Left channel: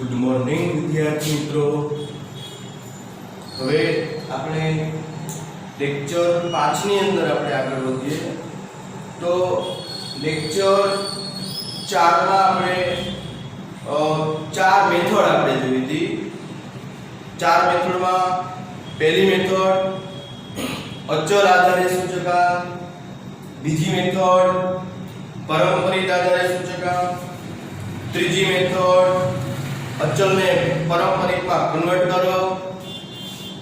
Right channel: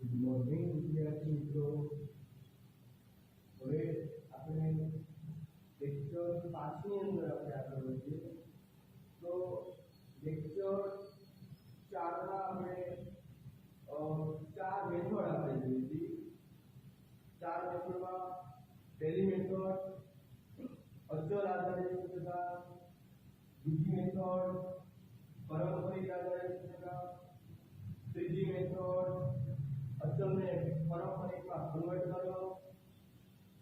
Good morning વિદ્યાર્થી મિત્રો। હવે આપણે લેક્ચર 5 ની અંદર આપણે આગળ વધીએ તો લેક્ચર 4 માં આપણે ચાર મેથડ આપણે જોઈ હતી। ચાર મેથડમાં પહેલી મેથડ અચલ આધારે સૂચકાંક, બીજી મેથડ પરંપરિત આધારે સૂચકાંક, ત્રીજી મેથડ અચલને પરંપરિતમાં કન્વર્ટ કરો,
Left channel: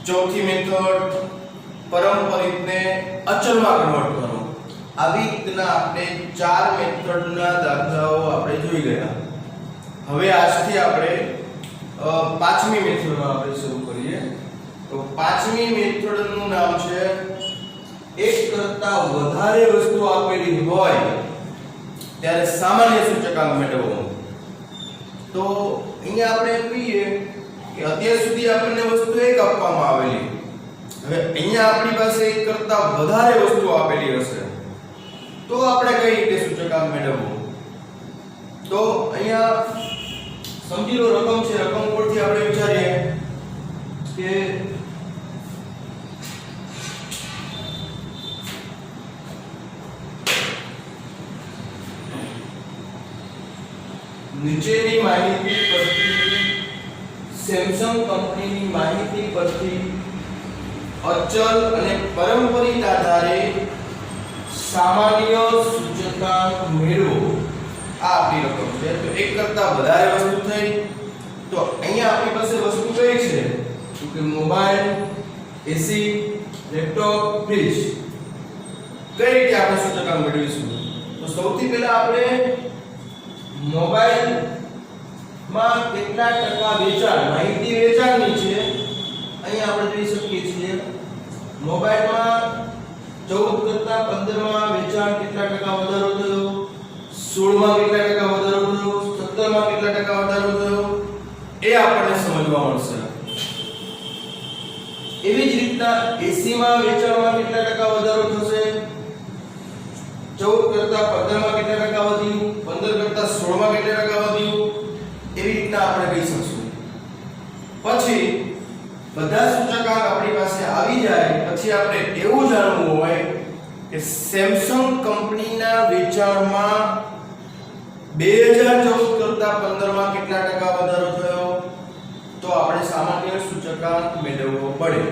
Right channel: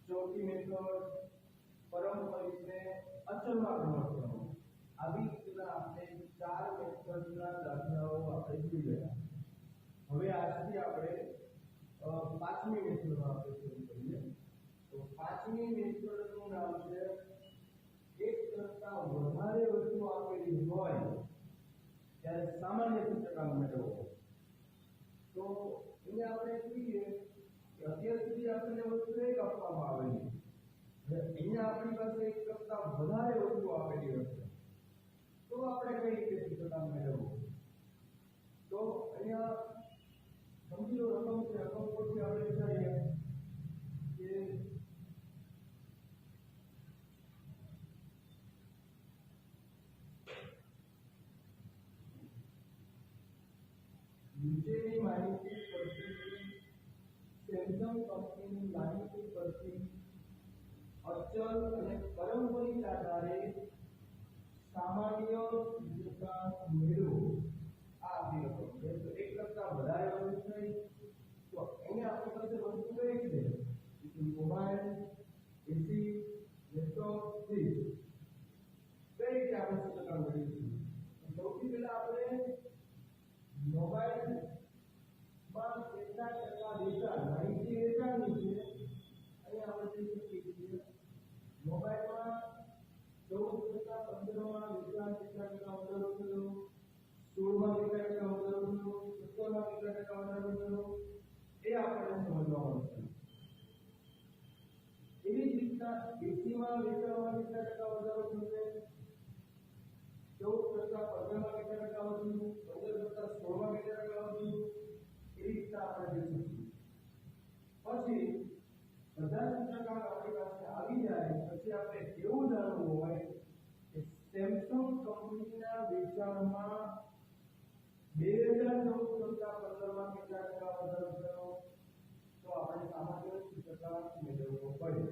ચોથી મેથડ પરંપરિતને અચલમાં કન્વર્ટ કરો। આવી રીતના આપણે ચાર મેથડના દાખલાઓ આપણે જોઈ ગયા। હવે આજથી આપણે પાંચમી મેથડમાં આપણે શરૂ કરીએ। તો પાંચમી મેથડનું નામ છે એક કરતા વધારે વસ્તુ આપેલી હોય ત્યારે સામાન્ય સૂચકાંક મેળવવો। તો અહીંયા આપણે એમ કહીએ કે અત્યાર સુધી આપણને વસ્તુ એક આપવામાં આવેલી, હવે અહીંયા આપણી પાસે એક કરતા વધારે વસ્તુ આપેલી હશે તો આપણે કઈ રીતે સૂચકાંક મેળવવું। તો અહીંયા સમજી લો રકમ છે, રકમ ઉપરથી આપણે વિચારીએ કે નીચેની માહિતી પરથી સેમસંગ કંપનીની માહિતી પરથી અચલ અને પરંપરિત આધારે સામાન્ય સૂચકાંક મેળવો। આ આપણી રકમ છે। તો એક કરતા વધારે વસ્તુ થઈ તો અહીંયા આપણી પાસે વસ્તુ કઈ છે તો કે મોબાઈલ, એસી, લેપટોપ, ફ્રીજ। કઈ રીતે આપણે સૂચકાંક મેળવીશું? તો સૌથી પહેલા આપણે મોબાઈલ માં કેટલા ટકા વેચાણ, માહિતી વેચાણની છે અહીં આપણે જોઈ શકીએ છીએ। મોબાઈલમાં 14 કરતા 15 માં વેચાણ કેટલા ટકા વધારો થયો, 16 માં કેટલા ટકા વધારો થયો, 17 માં કેટલા ટકા વધારો થયો એ આપણને સમજવા મળશે। એવી જ રીતના 80 માં વેચાણમાં કેટલા ટકા વધારો થશે, 14 કરતા 15 માં કેટલા ટકા વધ્યું, 15 કરતા 16 માં કેટલા ટકા વધ્યું એવી રીતના આપણે કહી શકશું। પછી બધા સૂચકાંક આપણી પાસે આવી જાય પછી આપણે એવું જાણવું હોય કે સેમસંગ કંપનીના વેચાણમાં 2014 કરતા 15 માં કેટલા ટકા વધારો થયો તો આપણે સામાન્ય સૂચકાંક મેળવવો પડે,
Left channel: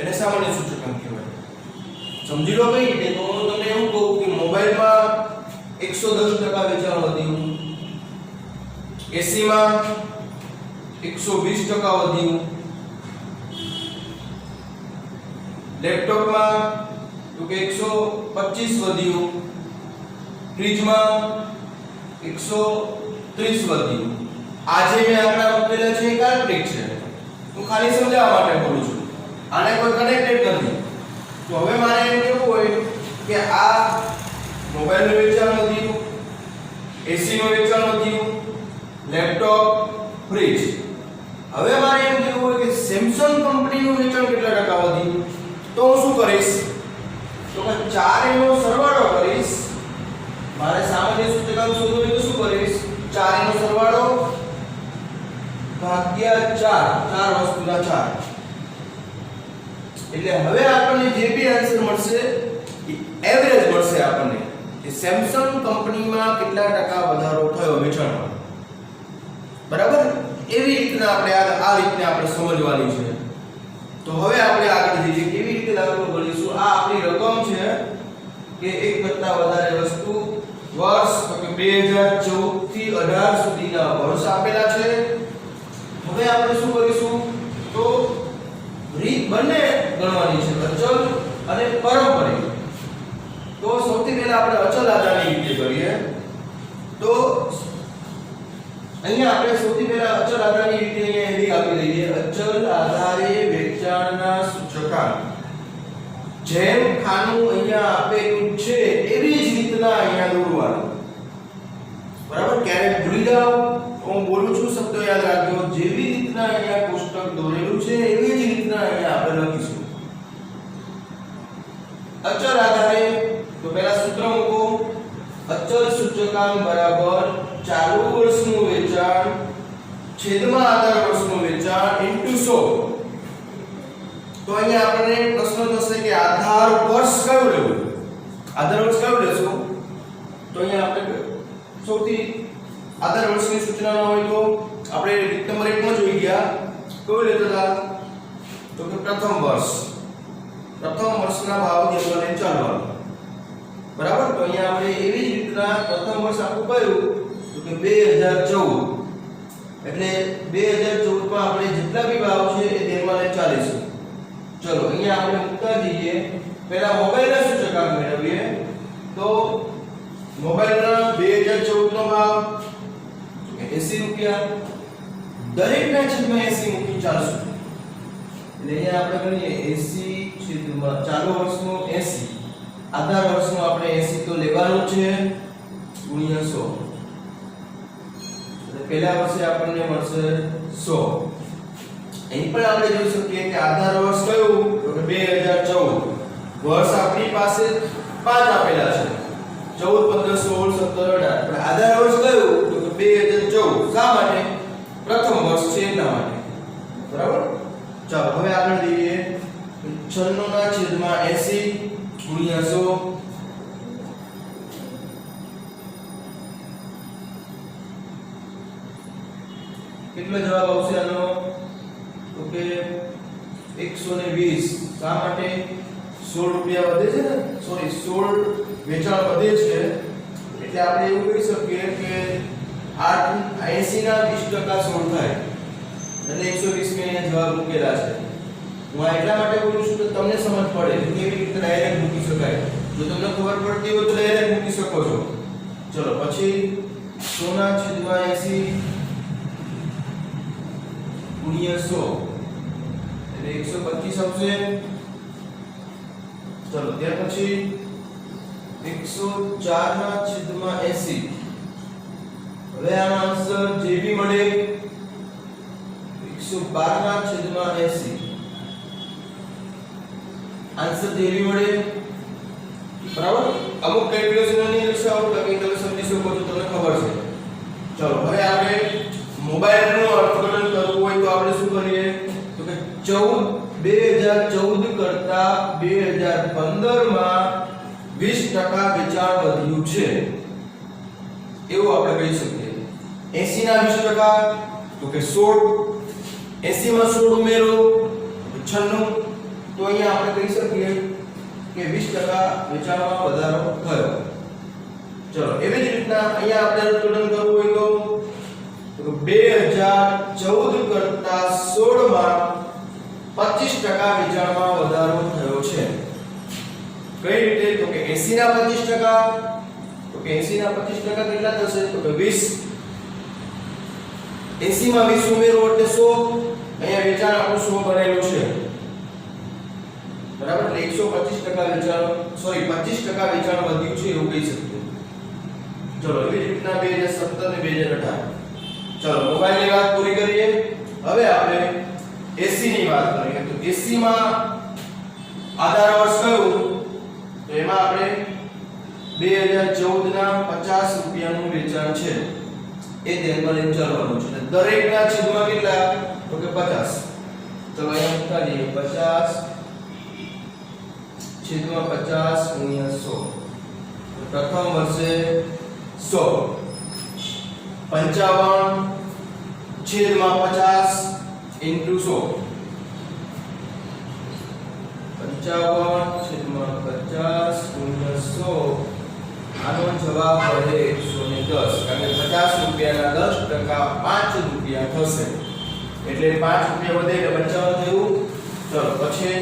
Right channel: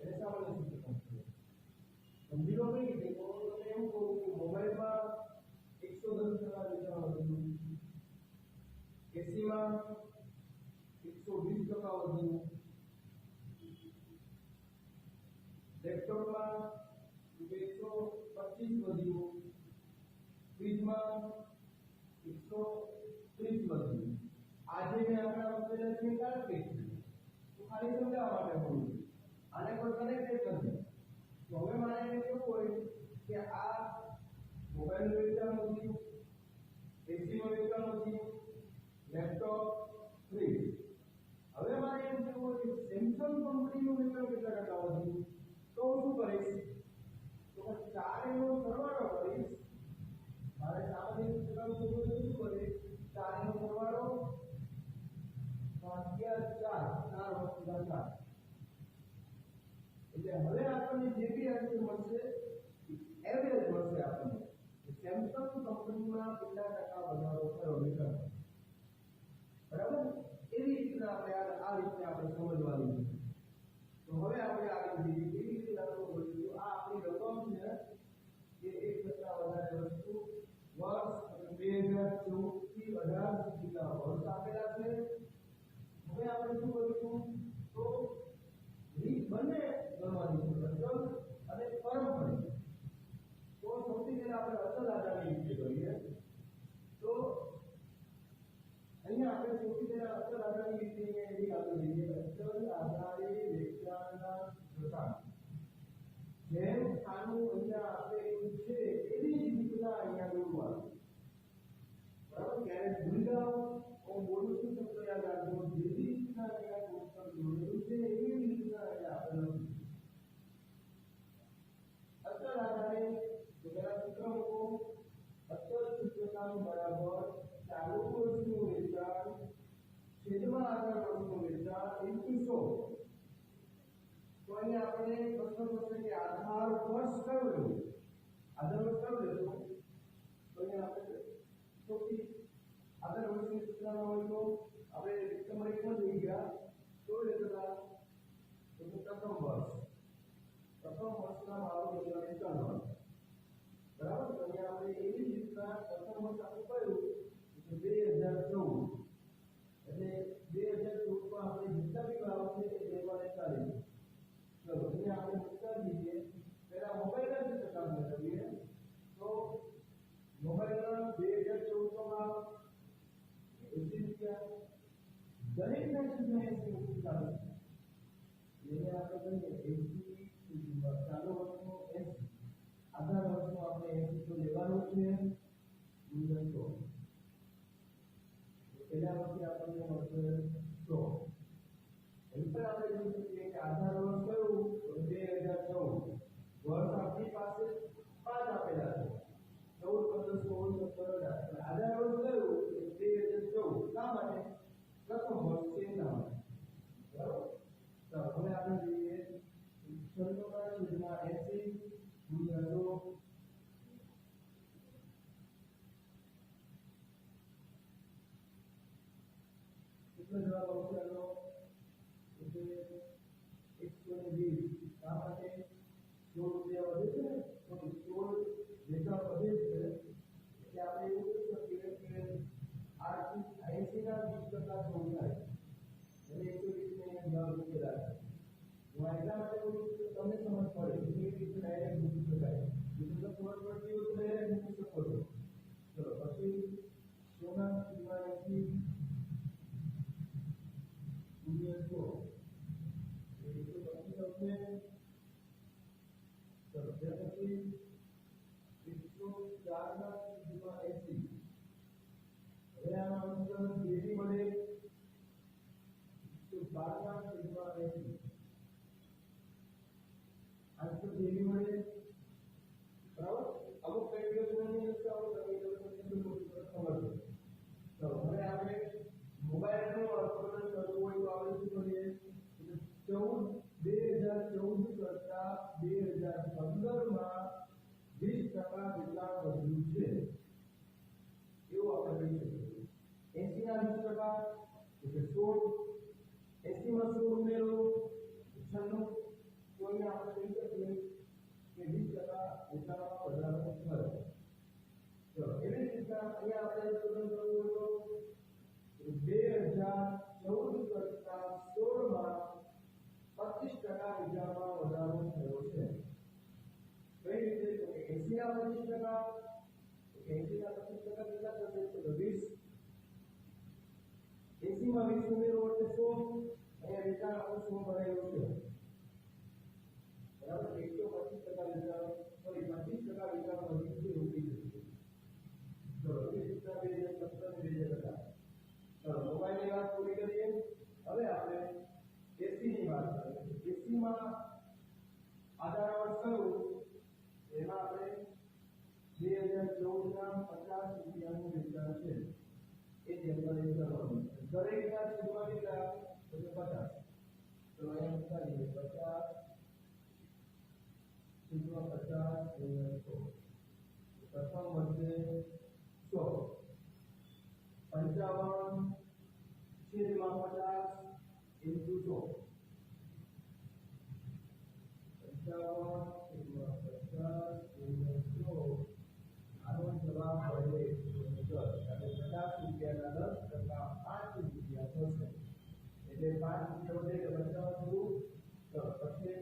એને સામાન્ય સૂચકાંક કહેવાય। સમજી લો કઈ રીતે? તો હું તમને એવું કહું કે મોબાઈલમાં 110% વેચાણ વધ્યું, એસી માં 120% વધ્યું, લેપટોપમાં તો કે 125 વધ્યું, ફ્રીજમાં 130 વધ્યું। આ જે મેં આંકડા મૂકેલા છે એ કાલ્પનિક છે, હું ખાલી સમજાવવા માટે બોલું છું, આને કોઈ કનેક્ટેડ નથી। તો હવે મારે એમ કહેવું હોય કે આ મોબાઈલનું વેચાણ વધ્યું, એસી નું વેચાણ વધ્યું, લેપટોપ, ફ્રીજ। હવે મારે એમ કહેવું હોય કે સેમસંગ કંપનીનું વેચાણ કેટલા ટકા વધ્યું તો હું શું કરીશ તો કે ચારેયનો સરવાળો કરીશ। મારે સામાન્ય સૂચકાંક શોધવું હોય તો શું કરીશ, ચારેયનો સરવાળો ભાગ્યા 4, ચાર વસ્તુના 4। એટલે હવે આપણને જે બી આન્સર મળશે એ એવરેજ મળશે આપણને કે સેમસંગ કંપનીમાં કેટલા ટકા વધારો થયો વેચાણમાં, બરાબર? એવી રીતના આપણે આ રીતને આપણે સમજવાની છે। તો હવે આપણે આગળ જઈએ કેવી રીતે દાખલો ગણીશું। આ આપણી રકમ છે કે એક કરતા વધારે વસ્તુ, વર્ષ તો કે 2014 થી 18 સુધીના વર્ષ આપેલા છે। હવે આપણે શું કરીશું તો રીત બંને ગણવાની છે, અચલ અને પરંપરિત। તો સૌથી પહેલા આપણે અચલ આધારની રીતે કરીએ। તો અહીંયા આપણે સૌથી પહેલા અચલ આધારની રીતે અહીંયા હેડિંગ આપી દઈએ, અચલ આધારે વેચાણના સૂચકાંક। જેમ ખાનું અહીંયા આપેલું છે એવી જ રીતના અહીંયા દોરવાનું, બરાબર? ક્યારેક ભૂલી જાવ હું બોલું છું શબ્દો યાદ રાખજો, જેવી રીતના અહીંયા કોષ્ટક દોરેલું છે એવી જ રીતના અહીંયા આપણે લખીશું। અચલ આધારે તો પહેલા સૂત્ર મૂકો, અચલ સૂચકાંક બરાબર ચાલુ વર્ષનું વેચાણ છેદમાં આધાર વર્ષનું વેચાણ ઇન્ટુ 100. તો અહીંયા આપણને પ્રશ્ન થશે કે આધાર વર્ષ કયું લેવું? આધાર વર્ષ કયું લેશું? તો અહીંયા આપણે સૌથી આધાર વર્ષની સૂચના ન હોય તો આપણે રીત નંબર 1 માં જોઈ ગયા. કયું લેતા હતા? તો કે પ્રથમ વર્ષના ભાવ ધ્યાનમાં લઈને ચાલવાનું. બરાબર? તો અહીંયા આપણે એવી જ રીતના પ્રથમ વર્ષ આપણું કયું? તો કે 2014. એટલે 2014 માં આપણે જેટલા બી ભાવ છે એ ધ્યાનમાં લઈને ચાલીશું. ચલો અહીંયા આપણે મૂકતા જઈએ. પહેલા મોબાઈલના સૂચકાંક મેળવીએ. તો મોબાઈલના 2014 નો ભાવ 80 રૂપિયા. દરેકના છેદમાં 80 મૂકી ચાલશું. એટલે અહીંયા આપણે ગણીએ 80 છેદમાં ચાલુ વર્ષનો 80. આધાર વર્ષનો આપણે 80 તો લેવાનું છે ગુણ્યા 100. એટલે પહેલા વર્ષે આપણને મળશે 100. અહીં પણ આપણે જોઈ શકીએ કે આધાર વર્ષ કયું? તો કે 2014. વર્ષ આપણી પાસે 5 આપેલા છે. 14, 15, 16, 17, 18. પણ આધાર વર્ષ કયું? તો કે 2014. શા માટે? પ્રથમ વર્ષ છે એટલા માટે. બરાબર? ચાલો હવે આગળ જઈએ. 96 ના છેદમાં 80 ગુણ્યા 100. કેટલો જવાબ આવશે આનો? તો કે 120. શા માટે? 16 રૂપિયા વધે છે ને, સોરી 16 વેચાણ વધે છે એટલે આપણે એવું કહી શકીએ કે 80 ના 20% 16 થાય એટલે 120 મેં અહીંયા જવાબ મૂકેલા છે. હું આ એટલા માટે બોલું છું કે તમને સમજ પડે કે કેવી રીતે ડાયરેક્ટ મૂકી શકાય. જો તમને ખબર પડતી હોય તો ડાયરેક્ટ મૂકી શકો છો. ચલો પછી 100 ના છેદમાં 80 ગુણ્યા 100 એટલે 125 આવશે. ચલો ત્યાર પછી 104 ના છેદમાં 80. હવે આનો આન્સર જે બી મળે 112 ના છેદમાં 80. આન્સર જે બી મળે. બરાબર? અમુક કેલ્ક્યુલેશન ની દર્શાવો તો કે તમે સમજી શકો છો, તમને ખબર છે. ચલો હવે આપણે મોબાઈલનું અર્થઘટન કરવું હોય તો આપણે શું કરીએ? તો કે 2014 કરતા 2015 માં 20% વેચાણ વધ્યું છે એવું આપણે કહી શકીએ. 80 ના 20% તો કે 16. 80 માં 16 ઉમેરો 96. તો અહીંયા આપણે કહી શકીએ કે 20% વેચાણમાં વધારો થયો. ચલો એવી જ રીતના અહીંયા આપણે અર્થઘટન કરવું હોય તો 2014 કરતા 16 માં 25% વેચાણમાં વધારો થયો છે. કઈ રીતે? તો કે 80 ના 25%. તો કે 80 ના 25% કેટલા થશે? તો કે 20. 80 માં 20 ઉમેરો એટલે 100. અહીંયા વેચાણ આપણું 100 બનેલું છે. બરાબર? એટલે 125% વેચાણ, સોરી 25% વેચાણ વધ્યું છે એવું કહી શકીએ. ચલો એવી જ રીતના 2017 અને 2018. ચલો મોબાઈલની વાત પૂરી કરીએ. હવે આપણે એસી ની વાત કરીએ. તો એસી માં આધાર વર્ષ કયું? તો એમાં આપણે 2014 ના 50 રૂપિયાનું વેચાણ છે એ ધ્યાનમાં લઈને ચાલવાનું છે. દરેકના છેદમાં કેટલા? તો કે 50. ચલો અહીંયા મૂકતા જઈએ. 50 છેદમાં 50 ગુણ્યા 100. પ્રથમ વર્ષે 100. 55 છેદમાં 50 into 100. 55 છેદમાં 50 ગુણ્યા 100. આનો જવાબ મળે 110. કારણ કે 50 રૂપિયાના 10% 5 રૂપિયા થશે. એટલે 5 રૂપિયા વધે એટલે 55 થયું. ચલો પછી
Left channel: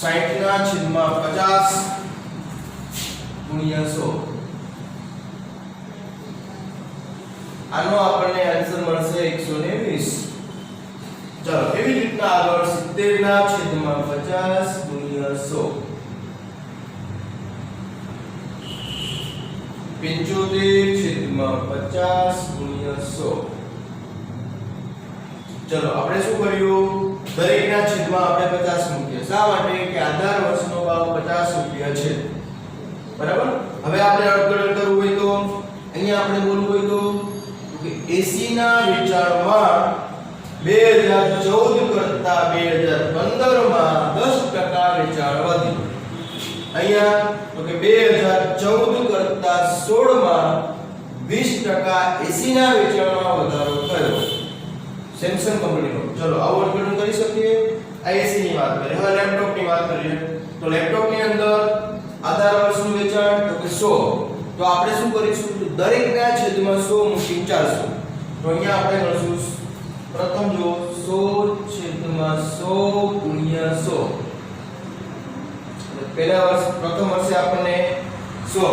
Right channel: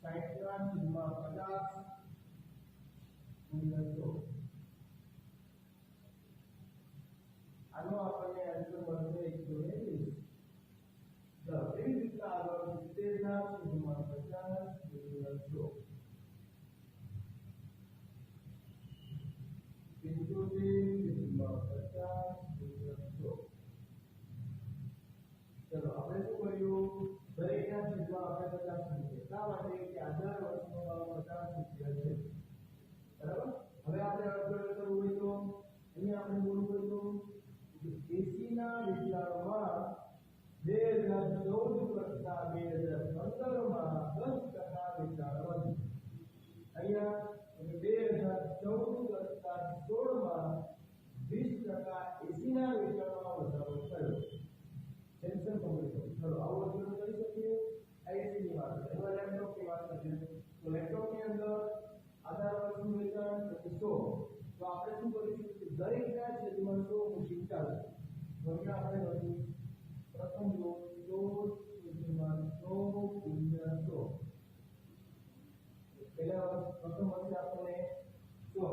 60 ના છેદમાં 50 ગુણ્યા 100. આનો આપણને આન્સર મળશે 120. ચલો એવી જ રીતના આગળ 70 ના છેદમાં 50 ગુણ્યા 100. 75 છેદમાં 50 ગુણ્યા 100. ચલો આપણે શું કર્યું? દરેકના છેદમાં આપણે 50 મૂકીએ. શા માટે? કે આધાર વર્ષનો ભાવ 50 રૂપિયા છે. બરાબર? હવે આપણે અર્થઘટન કરવું હોય તો અહીંયા આપણે બોલવું હોય તો કે 80 ના વેચાણમાં 2014 કરતા 2015 માં 10% વેચાણ વધ્યું. અહીંયા તો કે 2014 કરતા 16 માં 20% એસી ના વેચાણમાં વધારો થયો સેમસંગ કંપનીનો. ચલો આવું અર્થઘટન કરી શકીએ. આ એસી ની વાત કરીએ. હવે લેપટોપ ની વાત કરીએ. તો લેપટોપ ની અંદર આધાર વર્ષનું વેચાણ તો કે 100. તો આપણે શું કરીશું? દરેકના છેદમાં 100 મૂકી 400. તો અહીંયા આપણે ગણશું પ્રથમ જો 100 છેદમાં 100 ગુણ્યા 100. પહેલા વર્ષ પ્રથમ વર્ષે આપણને 100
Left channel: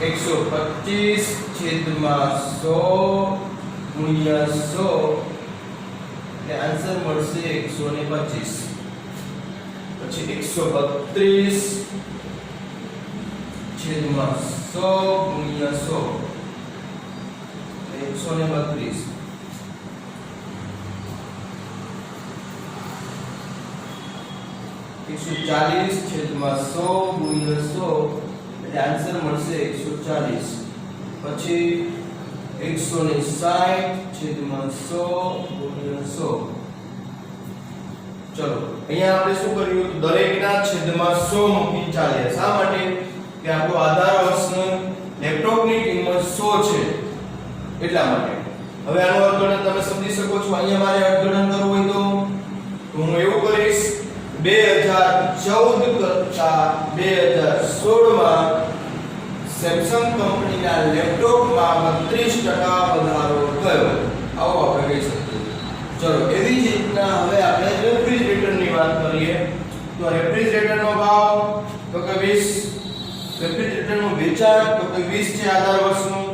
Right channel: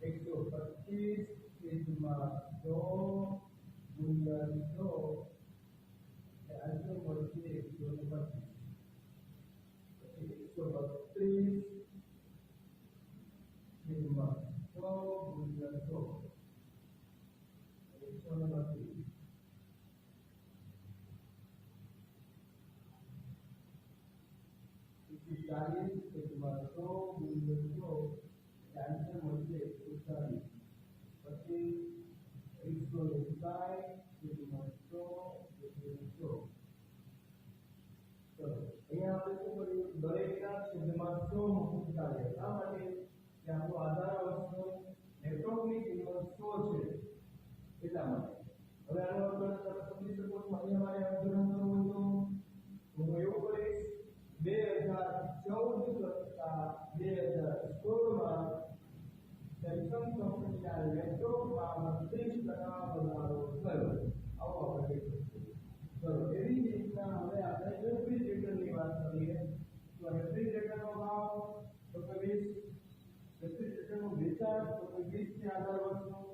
125 છેદમાં 100 ગુણ્યા 100 એટલે આન્સર મળશે 125. પછી 132 છેદમાં 100 ગુણ્યા 100 132. 140 છેદમાં 100 ગુણ્યા 100 એટલે આન્સર મળશે 140. પછી 160 છેદમાં 100 ગુણ્યા 100. ચલો અહીંયા આપણે શું કર્યું? દરેકના છેદમાં 100 મૂકી ચાલે. શા માટે? કે આપણો આધાર વર્ષનો લેપટોપની કિંમત 100 છે એટલા માટે. હવે આનું અર્થઘટન તમે સમજી શકો છો. અહીંયા મારે અર્થઘટન કરવું હોય તો હું એવું કરીશ 2014 કરતા 2016 માં સેમસંગ કંપનીના લેપટોપમાં 32% વધારો થયો. આવો આપણે કહી શકીએ. ચલો એવી જ રીતના હવે આપણે રેફ્રિજરેટરની વાત કરીએ. તો રેફ્રિજરેટરનો ભાવ તો કે 20, રેફ્રિજરેટરનું વેચાણ તો કે 20 છે આધાર વર્ષનું.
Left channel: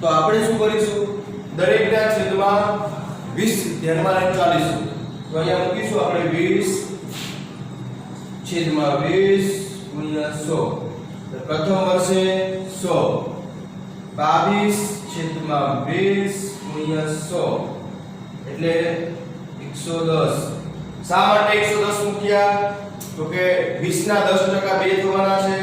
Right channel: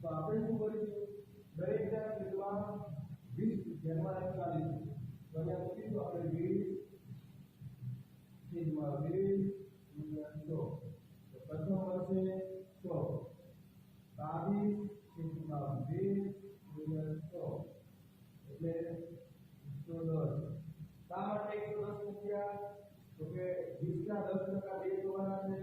તો આપણે શું કરીશું? દરેકના છેદમાં 20 ધ્યાનમાં લઈને ચાલીશું. તો અહીંયા મૂકીશું આપણે 20 છેદમાં 20 ગુણ્યા 100. પ્રથમ વર્ષે 100 22 છેદમાં 20 ગુણ્યા 100 એટલે 110. શા માટે 110 મૂક્યા? તો કે 20 ના 10% બે થવાના છે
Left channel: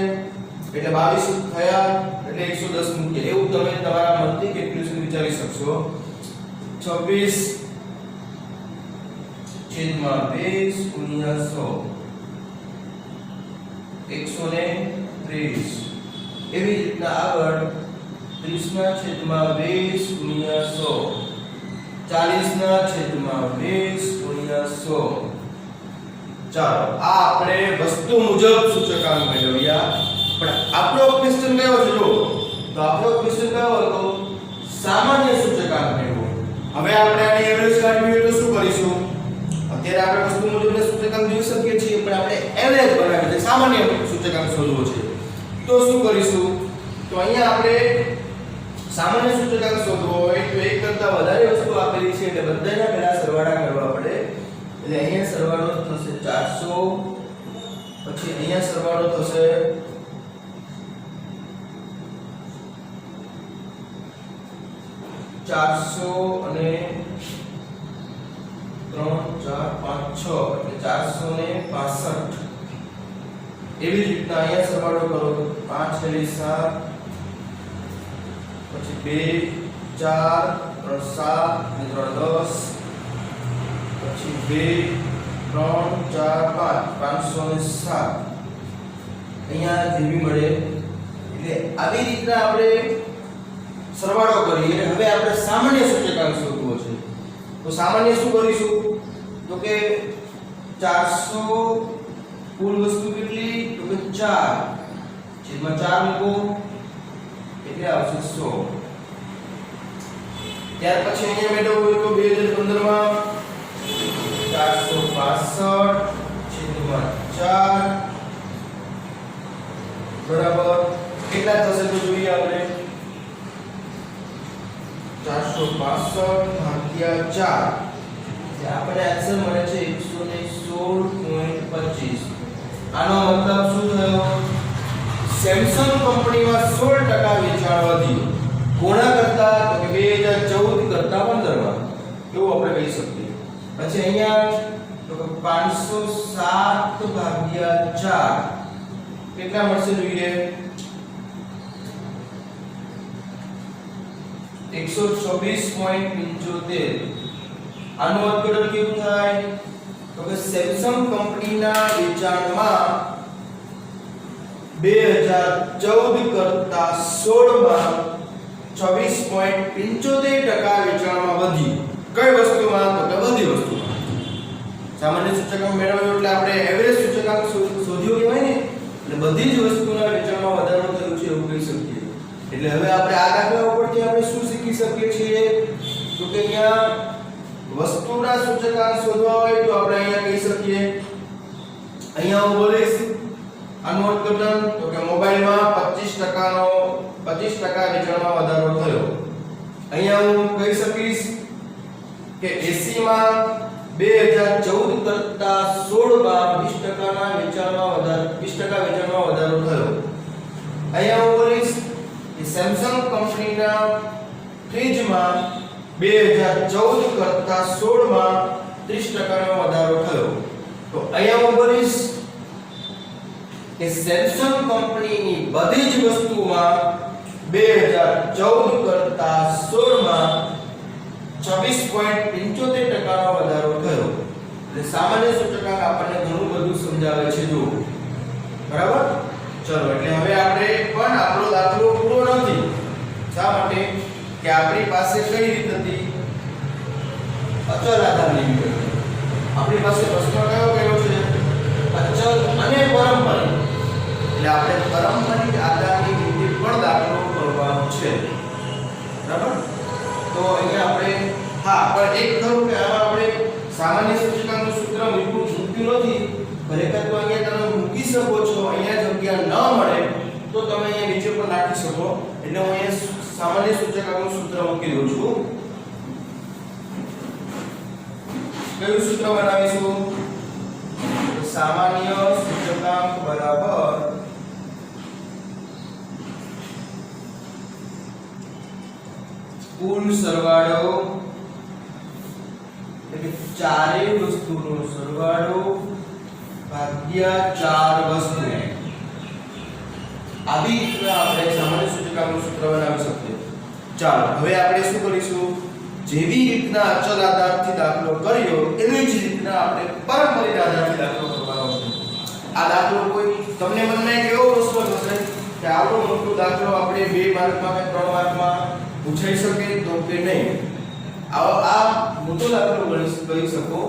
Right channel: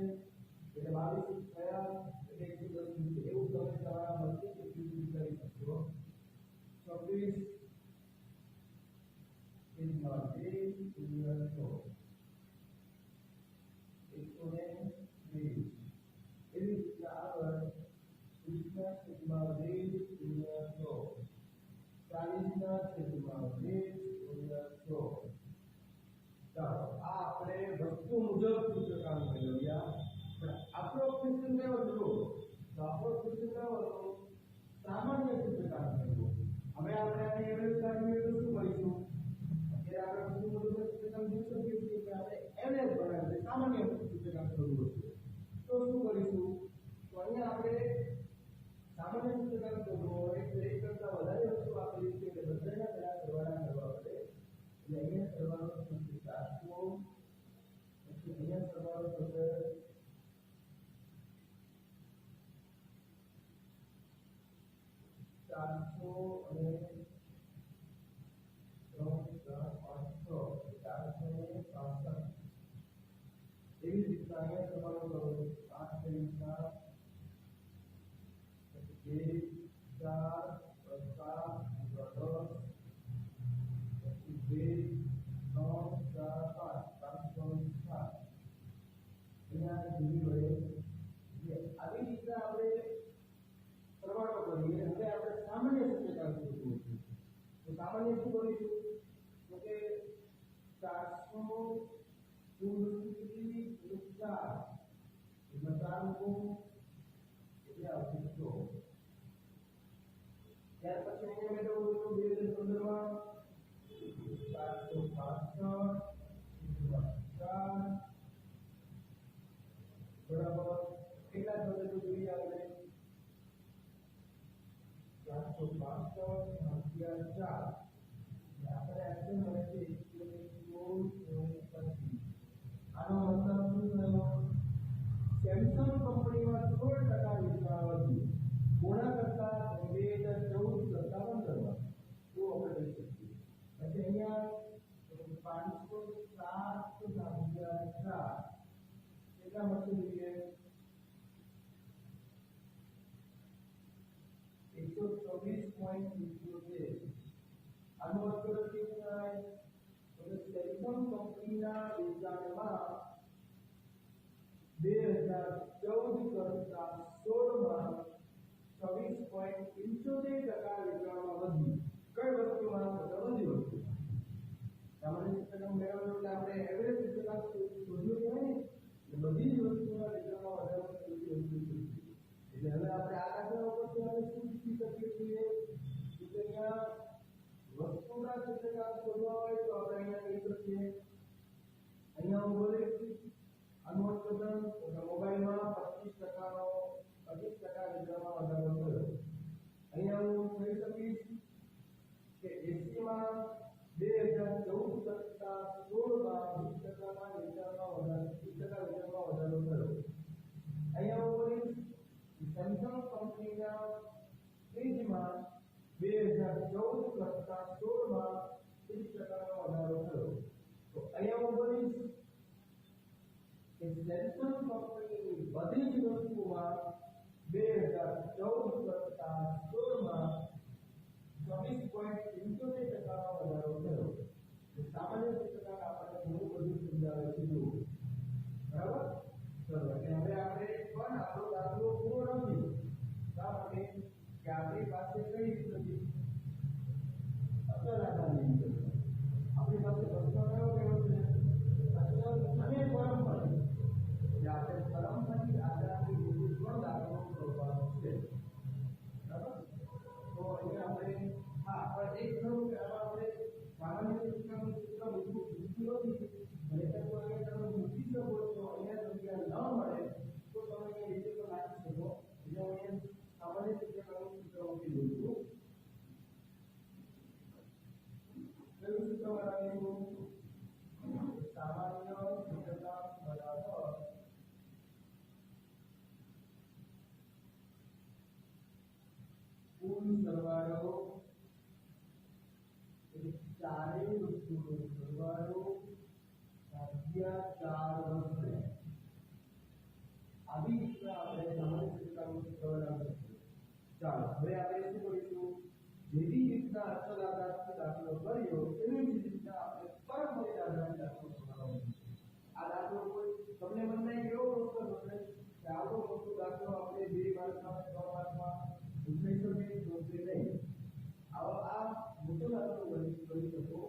એટલે 22 થયા એટલે 110 મૂક્યા. એવું તમે તમારા મનથી કેલ્ક્યુલેશન વિચારી શકશો. 26 છેદમાં 20 ગુણ્યા 100 130. એવી રીતના આગળ 30 ના છેદમાં 20 ગુણ્યા 100 40 ના છેદમાં 20 ગુણ્યા 100. ચાલો આ આપણે વસ્તુ મુજબ સૂચકાંક મેળવ્યા. પણ આપણો ક્વેશ્ચન કયો છે? જો તો આપણો ક્વેશ્ચન કયો હતો? સામાન્ય સૂચકાંક મેળવો. હવે આપણે આની એવરેજ કાઢવી હોય તો શું કરીશું? અત્યારે આપણે વસ્તુ મુજબના સૂચકાંક જોઈ શકીએ છીએ, પણ આપણે એવરેજ બનાવી છે, સામાન્ય સૂચકાંક શોધવો છે. તો શું કરીશું? તો અહીંયા આપણે સામાન્ય સૂચકાંક શોધવો હોય તો એક કરતા વધારે વસ્તુ આપેલી છે એટલે બધાના પહેલા સરવાળા કરવા પડે. એટલે અહીંયા સરવાળો થશે 400, પછી અહીંયા સરવાળો થશે 400 અને 3 4 5 6 એટલે 465. એવી જ રીતના અહીંયા સરવાળો કરો તો 5 છેલ્લી 7 પછી 2 4 3 7 અને 3 10 પછી 2 3 4 5 507 અહીંયા જેવી મળે. એટલે આવી રીતના આપણે સરવાળો કરીએ. હવે આપણે સામાન્ય સૂચકાંક શોધવો છે. તો સામાન્ય શું કરીશું? તો કે 400 કુલ વસ્તુ કેટલી? તો કે 4 છેદમાં 4 મૂકો એટલે આવશે 100. ત્યાર પછી અહીંયા મેળવવું હોય તો 2015 માં 465 છેદમાં 4 બરાબર કેટલા થશે તો જોઈએ આપણે. 465 ભાગ્યા 4 આપણે આન્સર મળે છે 116.25. આનો મતલબ શું થયો? સેમસંગ કંપનીમાં 16% વેચાણ વધ્યું. કોના કરતા? તો કે 2014 કરતા 15 માં. એવું આપણે કહી શકીએ. પછી અહીંયા તો કે 507 ભાગ્યા 4 કેટલા મળશે જોઈએ? 126.75 આનું અર્થઘટન કેવું થાય તો કે સેમસંગ કંપનીના વેચાણમાં 2014 કરતા 16 માં 26.75% વેચાણમાં વધ્યું. કઈ વસ્તુમાં તો કે બધી વસ્તુમાં. સામાન્ય સૂચકાંક મેળવ્યો એટલે આપણે એવરેજ સૂચકાંક શોધ્યો કહેવાય ને, એટલે બધી જ વસ્તુના વેચાણમાં વધારો થયો છે એવું કહી શકીએ. એટલે હવે આપણે આ દાખલા ઉપરથી આપણે શું શીખી શકીએ છીએ તો કે અહીંયા વસ્તુના સૂચકાંક શોધવા હોય તો આપણે અહીંયા કહી શકીએ, અહીંયા હું બોલીશ આનું અર્થઘટન તો કે મોબાઈલમાં 25% વેચાણમાં વધારો થયો. અહીંયા હું કહી શકીશ કે એસીમાં 2014 કરતા 16 માં 20% ના વેચાણમાં વધારો થયો. અહીંયા હું બોલીશ કે સેમસંગ કંપનીના ફ્રીજમાં 2014 કરતા 16 માં 30% નો વધારો થયો. તો અહીંયા હું બોલીશ કે સેમસંગ કંપનીની બધી જ વસ્તુમાં 2014 કરતા 16 માં 26.75% નો વધારો થયો. એટલે સામાન્ય સૂચકાંક આપણને ઘણું બધું સમજાવે છે જો. બરાબર? ચલો એટલે હવે આપણે પણ આપણો દાખલો પૂરો નથી. શા માટે કે આપણી પાસે કઈ રીત હતી? અચલ આધારની રીત હતી. આપણી પાસે પ્રશ્ન કયો છે? અચલ અને પારંપરિક. એટલે આપણે પારંપરિક આધારની રીતે પણ દાખલો કરવાનો છે. બરાબર? તો અહીંયા આપણે પણ એક ખરું કે આમાં આપણે સામાન્ય સૂચકાંકનું સૂત્ર મૂક્યું નથી. ખરેખર તો અહીંયા તમે મૂકી શકો છો. અહીંયા જગ્યા ન મળે તો તમે અહીંયા નીચે પણ નાખી શકો. એટલે હું અહીંયા સામાન્ય સૂચકાંકનું સૂત્ર મૂકી દઉં છું. કયું સૂત્ર બનાવીશું? સામાન્ય સૂચકાંક બરાબર કુલ સરવાળો એટલે ચારેય વસ્તુનો સરવાળો ભાગ્યા 4 વસ્તુ. આવી રીતે આપણે સામાન્ય સૂચકાંકનું સૂત્ર બનાવી શકીએ. ચાલો હવે આપણે શું કરીશું? જેવી રીતના અચલ આધારથી દાખલો કર્યો એવી જ રીતના આપણે પારંપરિક આધારથી દાખલો કરવાનો છે. આ દાખલો કોઈ તમને મનમાં કેવો પ્રશ્ન થશે કે આવડો મોટો દાખલો આપણે 2 માર્કમાં કે 3 માર્કમાં પૂછાઈ શકે તો કે નહીં? આ મોટો દાખલો ગણી શકો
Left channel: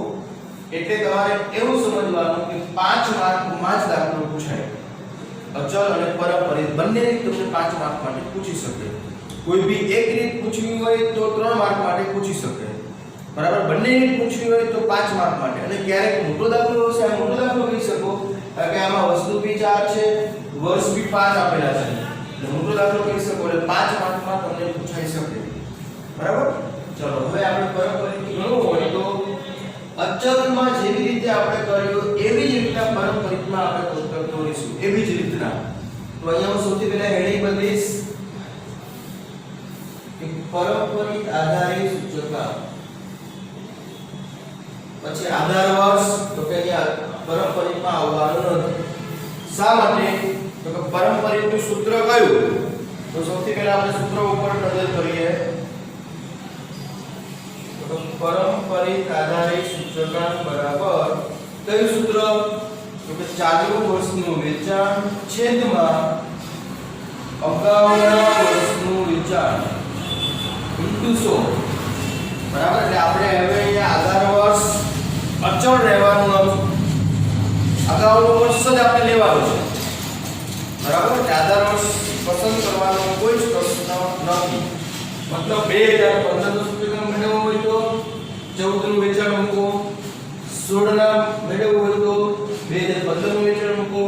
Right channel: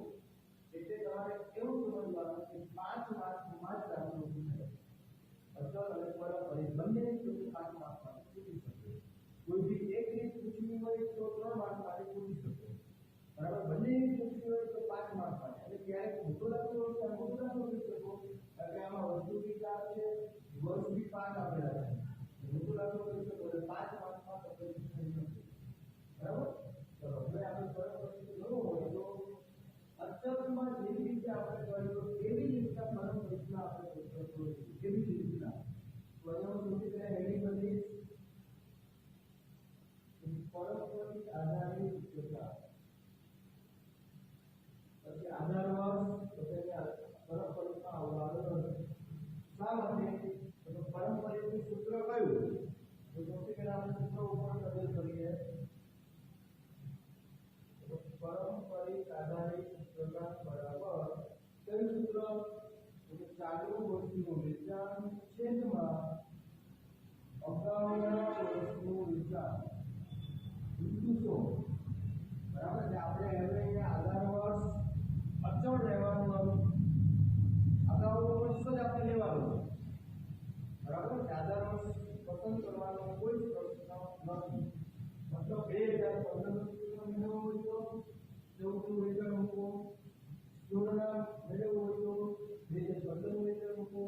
એટલે તમારે એવું સમજવાનું કે 5 માર્કમાં જ દાખલો પૂછાય. અચલ અને પારંપરિક બંને રીત તમને 5 માર્ક માટે પૂછી શકે. કોઈ બી એક રીત પૂછવી હોય તો 3 માર્ક માટે પૂછી શકે. બરાબર? બંને રીત પૂછવી હોય તો 5 માર્ક માટે. અને ક્યારેક મોટો દાખલો હશે, આ મોટો દાખલો કહી શકો કારણ કે આમાં વસ્તુ બી 4 છે, વર્ષ બી 5 આપેલા છે. એટલે મોટો દાખલો કહી શકો એટલે 5 માર્કમાં તમને પૂછાઈ શકે. બરાબર? ચલો હવે આપણે પારંપરિક ગણવું હોય તો અચલમાં જેવી રીતે આપણે કર્યું એવી જ રીતના પારંપરિકમાં આપણે કોષ્ટક દોરીશું. એવી જ રીતના. તો અહીંયા હું સૌથી પહેલા હેડિંગ બદલીશ કે પારંપરિક આધારિત સૂચકાંક. પછી આધાર વર્ષ તો કે અહીંયા પારંપરિકમાં આવવાનું નથી. શા માટે? તો કે પારંપરિકનું સૂત્ર કયું? તો સૌથી પહેલા આપણે સૂત્ર ઉપર નજર કરીએ. તો પારંપરિક આધારિત સૂચકાંક બરાબર કયું સૂત્ર? તો કે ચાલુ વર્ષનું વેચાણ છેદમાં અગાઉના વર્ષનું વેચાણ ઇન્ટુ 100. બરાબર? એટલે આપણે હવે અહીંયા આધાર વર્ષ અચળ રહેવાનું, અગાઉનું વર્ષ જ આપણે લેવાનું છે. બરાબર? એટલે આધાર વર્ષ પસંદ કરવાનો કોઈ જ પ્રશ્ન નથી. મતલબ 2015 નું સૂચકાંક મેળવવું હોય તો 14 નું વેચાણ મૂકો, 16 ના મેળવવું હોય તો 2015 નું વેચાણ મૂકો,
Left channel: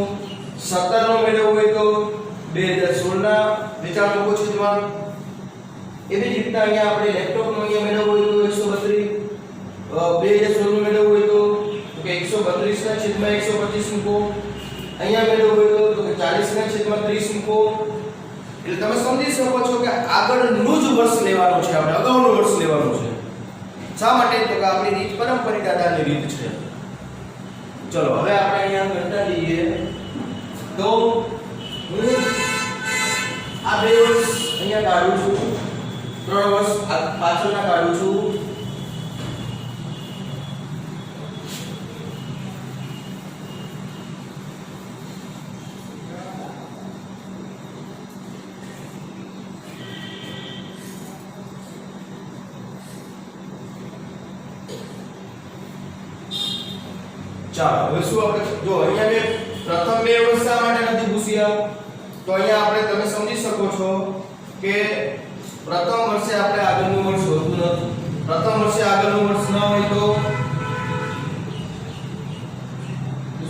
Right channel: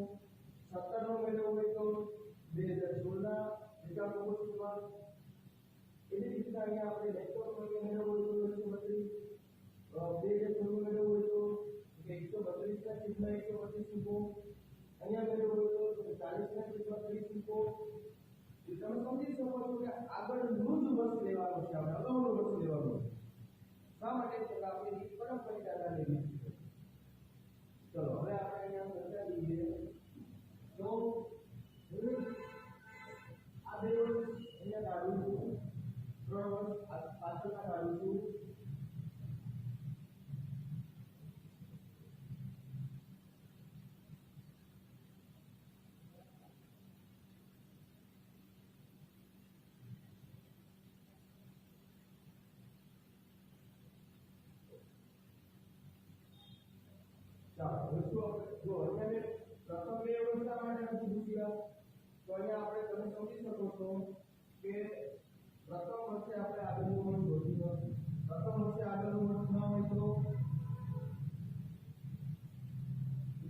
17 નું મેળવવું હોય તો 2016 ના વેચાણ મૂકો છે. તેમાં એવી જ રીતના અહીંયા આપણે લેપટોપનું અહીંયા મેળવવું હોય તો 132, 2016 નું મેળવવું હોય તો કે 132 ના છેદમાં 125 મૂકો, અહીંયા મેળવવું હોય તો કે 40 ના છેદમાં 30 મૂકો. એટલે તમે સમજી શકો છો કે આગળનું જ વર્ષ લેવાનું છે, આપણે અગાઉનું વર્ષ લેવાનું છે. શા માટે? તો કે આપણી રીત પારંપરિક આધારની રીત છે. ચલો હવે આપણે અહીંયા કંટાળી જઈએ તો હું આ 2 વર્ષ અહીંયા કાઢું છું, 3 વર્ષ પાછળના કાઢું છું. ચાલો હવે શું આપણે જો અહીંયા મેં પ્રથમ બે વર્ષ શા માટે નથી પૂછ્યા તો અહીંયા આપણે તમે સમજી શકો છો કે પ્રથમ વર્ષે આપણે આગળનું વર્ષ હોતું નથી પ્રથમ વર્ષે આગળનું વર્ષ ન હોય તો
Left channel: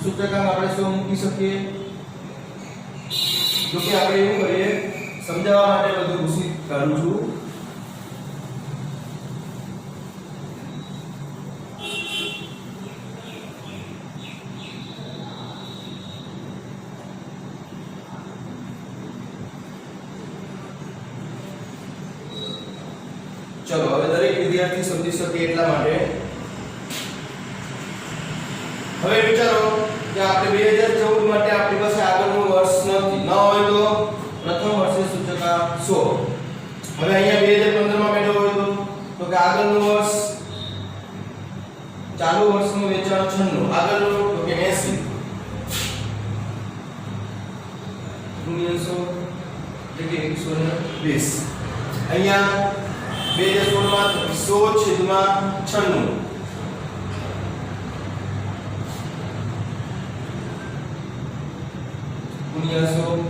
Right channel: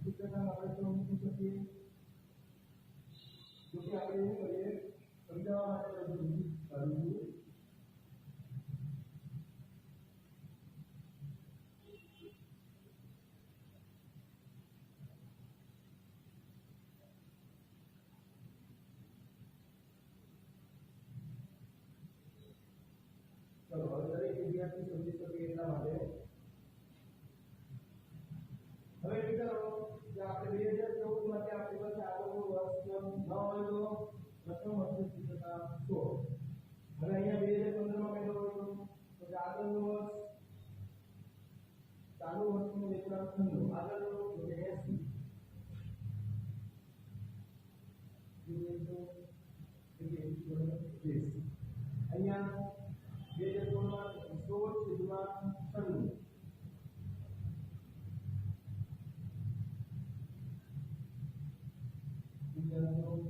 સૂચકાંક આપણે શું મૂકી શકીએ જો કે આપણે એવું કરીએ સમજાવવા માટે બધું પૂછી કરું છું चलो હવે દરેક વિદ્યાર્થી સમજી શકે એટલા માટે હવે વિચારો કે આપણે 2014 માટે આપણી પાસે આગળનું વર્ષ નથી ન હોય તો પ્રથમ વર્ષે સૂચકાંક 100 હવે અહીંયા 2015 માં મેળવ્યો હોય તો કે આગળનું વર્ષ ચાલુ વર્ષનું વેચાણ 96 આગળનું તો કે 80 100 એટલે કે 120 અહીંયા 2016 માં 100/96 100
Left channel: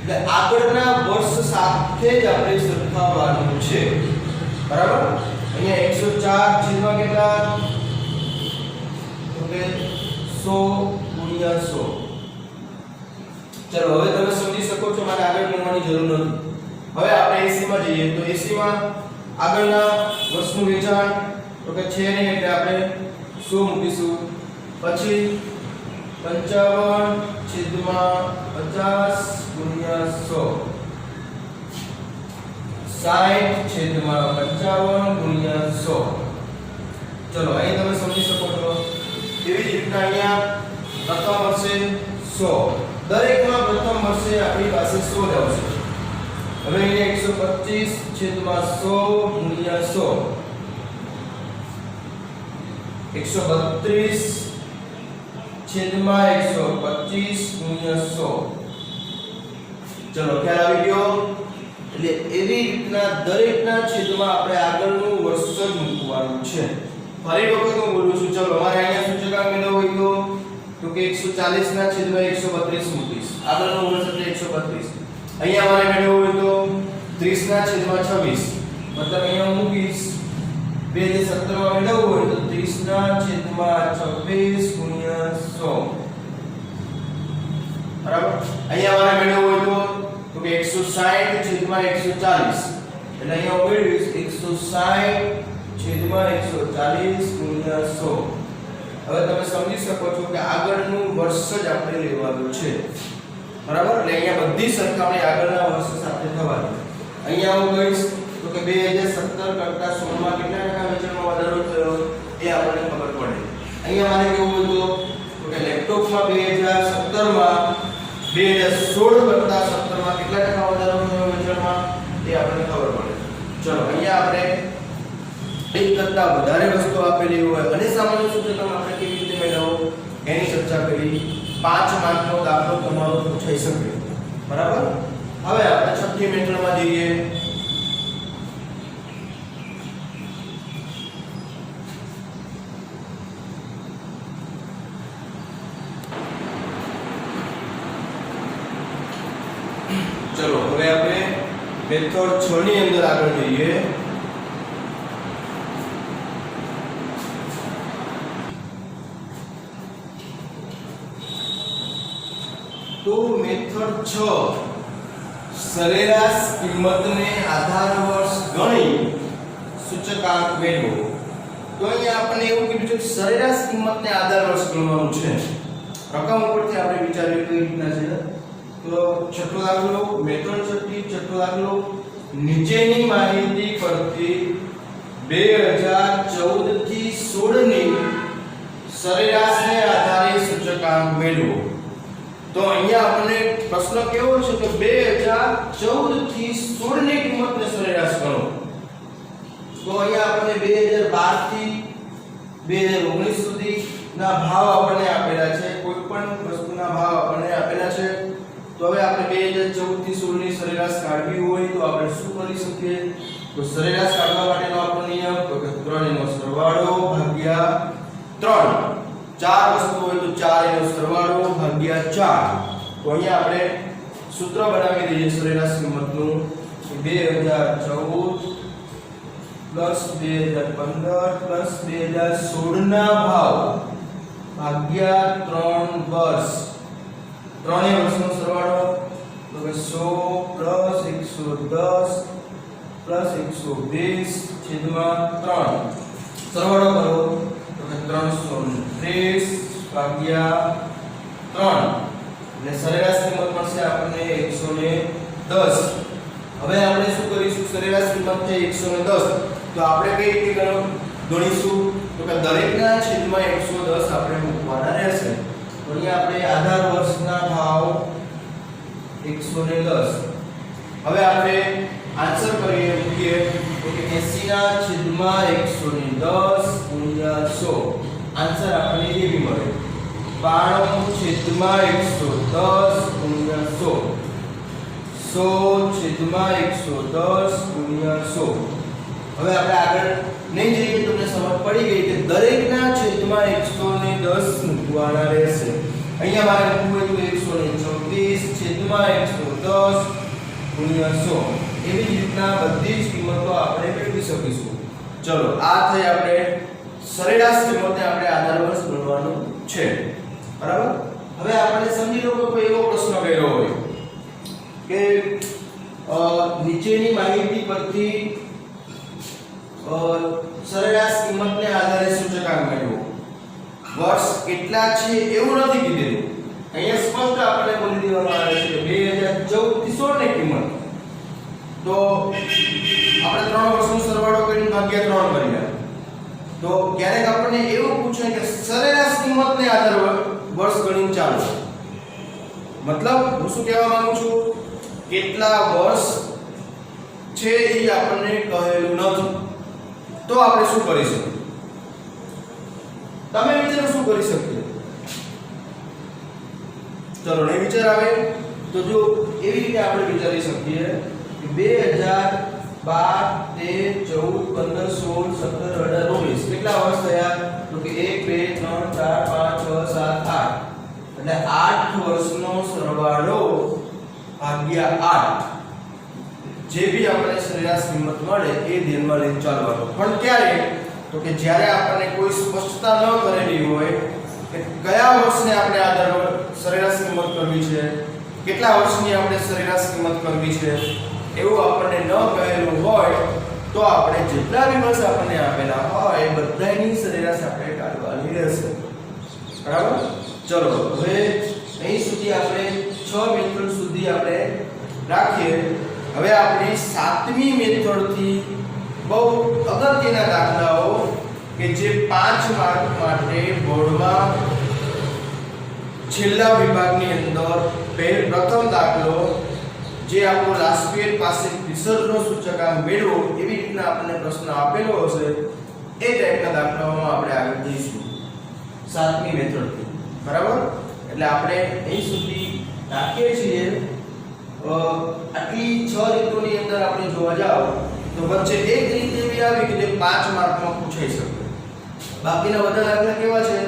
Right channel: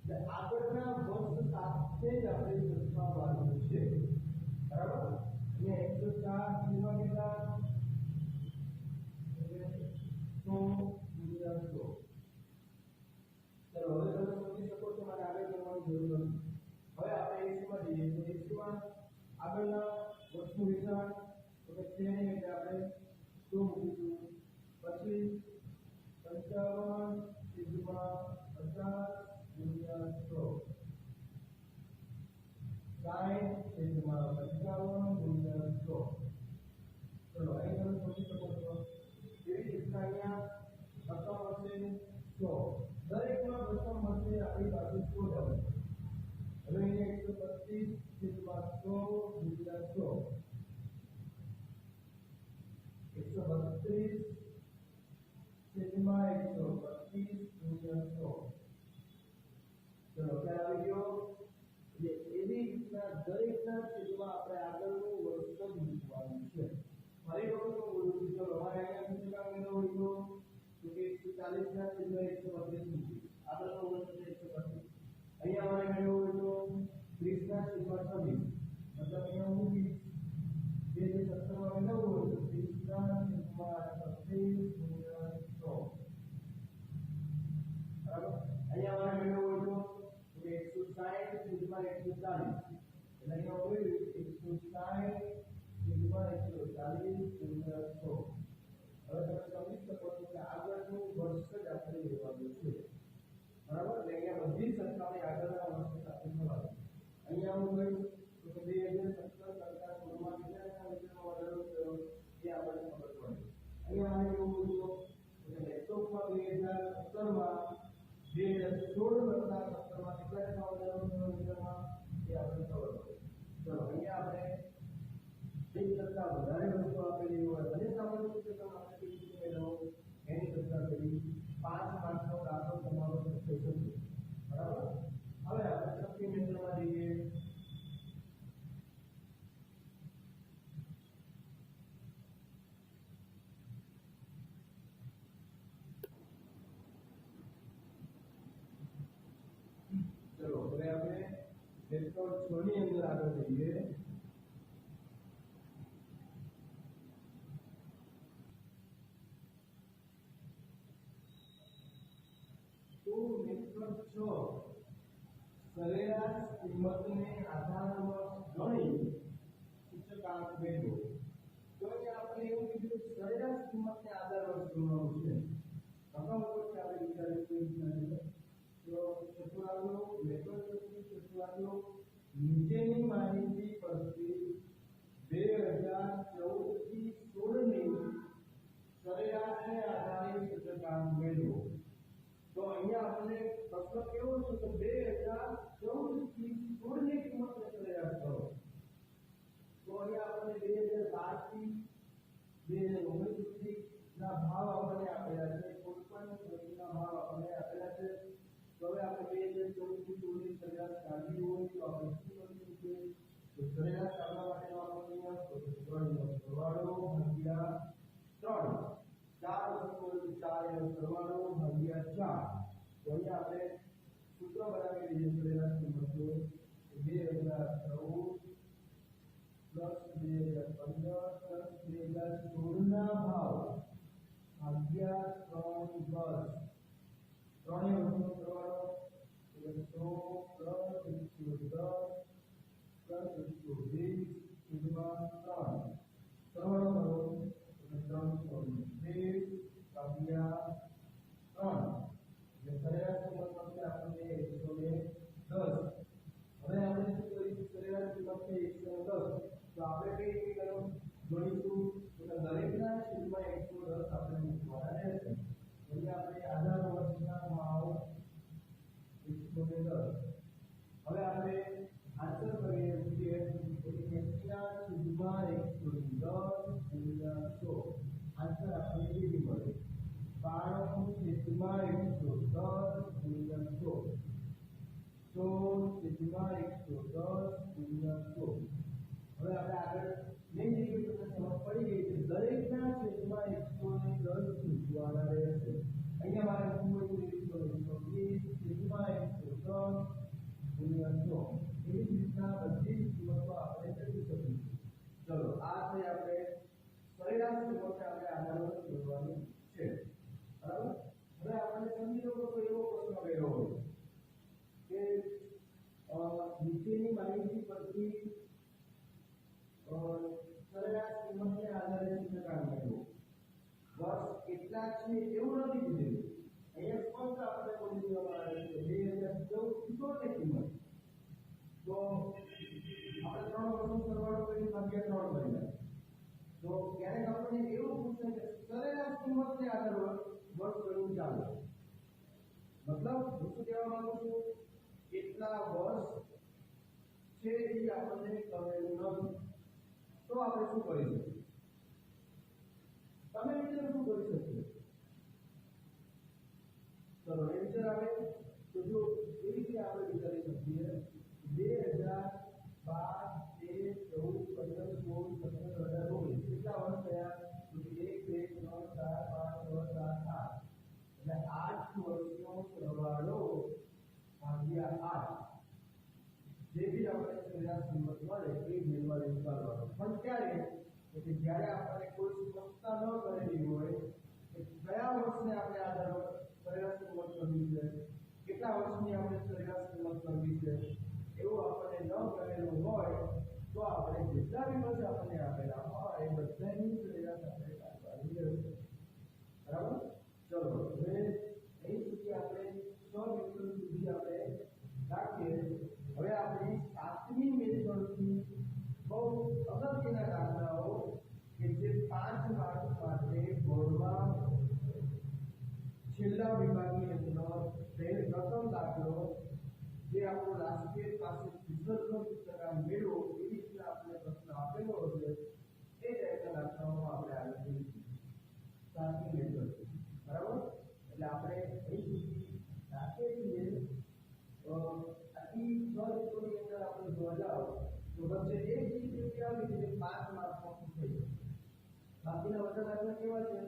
એટલે આગળના વર્ષ સાથે જ આપણે સરખાવવાનું છે બરાબર અહીંયા 104 કેટલા તો કે 100/100 ચલો હવે તમે સમજી શકો છો મારે આગળ ગણવાની જરૂર નથી હવે આપણે 80 માં જઈએ તો 80 માં આગળના વર્ષનું વેચાણ તો કે છે ને એટલે આપણે 100 મૂકીશું પછી 55/50/100 60/55/100 ચલો અહીં તમે સમજી શકો છો એવી જ રીતના અહીંયા પ્રથમ વર્ષે 100 દરેકમાં પ્રથમ વર્ષે આપણી પાસે 100 જ આવશે હવે અહીંયા 125/100/100 132/125/100 ચલો ખ્યાલ આવી ગયો એટલે એવી રીતના દરેકના છેદમાં આપણે આગળનું વર્ષ જ મૂકવાનું છે ફરી વખત હું બોલું છું ચલો અમારે અહીંયા સૂચકાંક મેળવવો હોય તો કે 140/132 મૂકીશ આગળનું વર્ષ એટલે 132 અહીંયા અમારે મેળવવું હોય તો 30/26 મતલબ અહીંયા મૂકીશ 2017 માં મેળવવું હોય તો 30/26/100 બરાબર અહીંયા અમારે મેળવવું હોય તો કે 160/140 એટલે અહીંયા મેળવીશ 160/140/100 હવે તમે સમજી શકો છો કે આગળનું વર્ષ જ આપણે લેવાનું છે બરાબર એટલે અહીંયા બધી સરખામણી આગળના વર્ષ સાથે થવાની અહીંયા હું કહીશ તો કે 2017 કરતા 16 માં કેટલા ટકા વેચાણમાં વધારો થયો એ આપણને ખબર પડે અહીંયા મારે કેવું હતું તો કે લેપટોપમાં 2017 માં 2016 કરતા 17 માં કેટલા ટકા વધારો થયો વેચાણમાં એ આપણને ખબર પડે ચલો અહીંયા આપણે એક કરતા વધારે વસ્તુ આપેલી હોય અને સામાન્ય સૂચકાંક આપણે કેવી રીતે મેળવવો એની ચર્ચા કરી 5 માર્કનો દાખલો તમારો પૂછાઈ શકે બરાબર હવે આપણે છઠ્ઠી મેથડમાં જઈએ ચલો હવે આપણે મેથડ 6 ની અંદર આગળ જઈએ तो मेथड 6 सरेराश किंमतने आधार वर्ष गणी सूचकांक मेळવો तो અહીંયા આપણે એવું કીધું છે સરેરાશ કિંમતને આધાર વર્ષ ગણવાનું છે રકમ ઉપરથી આપણે વિચાર્યું કઈ રીતના છે તો છઠ્ઠો દાખલો મેથડ છઠ્ઠો દાખલો નીચેની માહિતી પરથી 2014 થી 16 ની સરેરાશને આધારે સૂચકાંક મેળવો तो અહીંયા આપણને પ્રશ્ન કેવો છે કે 2014 થી 16 ની કિંમતને સરેરાશ ગણો તો અહીંયા આપણને 2012 થી 2019 સુધીના ભાવ આપણને આપેલા છે કોઈ પણ વસ્તુના ભાવ આપણને આપેલા છે તો હવે આપણે 2014 થી 16 ની સરેરાશ કાઢવી હોય તો આપણે શું કરી શકીએ તો સરેરાશ કાઢવા માટેનો આપણો નિયમ તો કે 3 નો સરવાળો ભાગ્યા 3 ચાર વસ્તુ હોય તો 4 એનો સરવાળો ભાગ્યા 4. તો અહીંયા આપણે સૂત્ર બનાવી દઈએ સરેરાશ કિંમતનું 2014 પ્લસ 2015 પ્લસ 2016 ના ભાવ ભાગ્યા 3 વર્ષ. ત્રણેય વર્ષનો સરવાળો તો કે 100 પ્લસ 110 પ્લસ 120 છેદમાં 3. સરવાળો કરો તો કે 330 ભાગ્યા 3 એટલે સરેરાશ કિંમત મળશે આપણને 110. હવે આપણે શું કરીશું? સરેરાશ કિંમત છે 110, તો આપણે કઈ રીતે ગણીશું? તો કે દરેકના છેદમાં 110 આપણે મૂકવાના રહેશે. તો અહીંયા આપણે આધાર વર્ષના ભાવ 110. હવે આપણે આન્સર કરીએ મૂકીએ તો કે 80 ના છેદમાં 110 ગુણ્યા 100. આન્સર આપણને એવી મળે 92 છેદમાં 110 ગુણ્યા 100. 100 છેદમાં 110 ગુણ્યા 100. હવે આપણે આગળ નહીં જઈએ, તમને સમજ પડી ગઈ કે દરેકના છેદમાં 110 મૂકવાના રહેશે. અહીંયા મારે મૂકવું હોય તો 124 છેદમાં 110 ગુણ્યા 100. એવી જ રીતના બધી જ કિંમતો આપણે મેળવી શકીશું. ચલો, આ થઈ આપણે સરેરાશ કિંમતને આપણે આધાર વર્ષ ગણવાનું છે. બરાબર? હવે આપણે સમજી લો કે કોઈ એવો પ્રશ્ન કર્યો હોય કે નીચેની માહિતી પરથી સરેરાશ કિંમતને આધારે સૂચકાંક મેળવો. વર્ષ કેટલા છે એવું નથી કીધેલું. અહીંયા સ્પષ્ટ આપણે બોલી દેવામાં આવે છે 2014 થી 16 ની કિંમત. તો આપણે 3 વર્ષનો સરવાળો કરીને ભાગ્યા 3 કર્યા. તો ક્યારેક આપણને એવું પૂછે કે સરેરાશ કિંમતને આધારે વર્ષ ગણીને ચાલો. મતલબ હું શું કહેવા માંગુ છું? કેટલા વર્ષ છે એ આપણને કહેલું નથી. તો આપણે શું કરીશું? તમે વિચારો શું કરી શકીએ? ચલો, નહીં વિચાર આવે તો જો એવી રીતે આપણે વિચારી શકીએ કે 2012 13 14 15 16 17 18 19 કેટલા વર્ષ થયા? તો કે 1 2 3 4 5 6 7 8. એટલે 8 વર્ષનો સરવાળો ભાગ્યા 8. જે ભી આપણે સરેરાશ કિંમત મળે એ ધ્યાનમાં લઈને ચાલવાનું. પણ ક્યારે? તો કે જ્યારે આપણને કોઈ સ્પષ્ટતા ન કરેલી હોય કે કયા વર્ષને આપણે આધાર સરેરાશ કિંમત કરવી છે, કેટલા વર્ષની આપણે સરેરાશ કિંમત કરવી છે, એવું આપણને ન કહેલું હોય તો આપણે જેટલા બી વર્ષ આપણને આપેલા હોય એ બધાની સરેરાશ આપણે કાઢવાની રહેશે. બરાબર? ચલો, હવે અહીં સુધી આપણે 6 મેથડ સુધી આપણે રાખીએ. હવે આપણે 7મી મેથડથી બહુ અગત્યના દાખલાઓ કે જે 5 માર્ક માટે બોર્ડમાં છેલ્લા વિભાગની અંદર પ્રથમ દાખલો જે આપણો લાસ્ટ પીરિયડ પાસે વિસર્ગનો સૂચકાંક મેળવો એવી રીતના આપણને પ્રશ્ન આપેલો હશે એ ટાઈપના દાખલાઓમાં આપણે આગળ જઈશું 7મી મેથડથી. બરાબર? એટલે આપણે અહીં સુધી રાખીએ છીએ. આટલી 6 રીતોની અંદર આપણે જોવા જાવ તો વચ્ચે એક રીત એવી આવી કે જે 5 માર્કમાં પૂછાઈ શકે. બાકીના બધા દાખલા કેવા છે?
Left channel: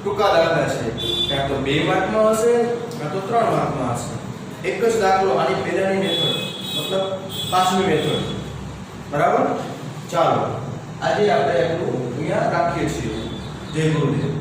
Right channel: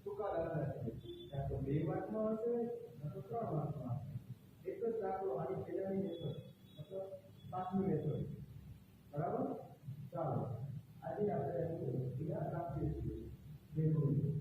ટૂંકા દાખલા છે. ક્યાં તો 2 માર્કમાં હશે કાં તો 3 માર્કમાં હશે. એક જ દાખલો આની પહેલાની મેથડ મતલબ 5મી મેથડ. બરાબર? ચાલો, આજે આપણે એટલું અહીંયા રાખીએ છીએ. જય ગુરુદેવ.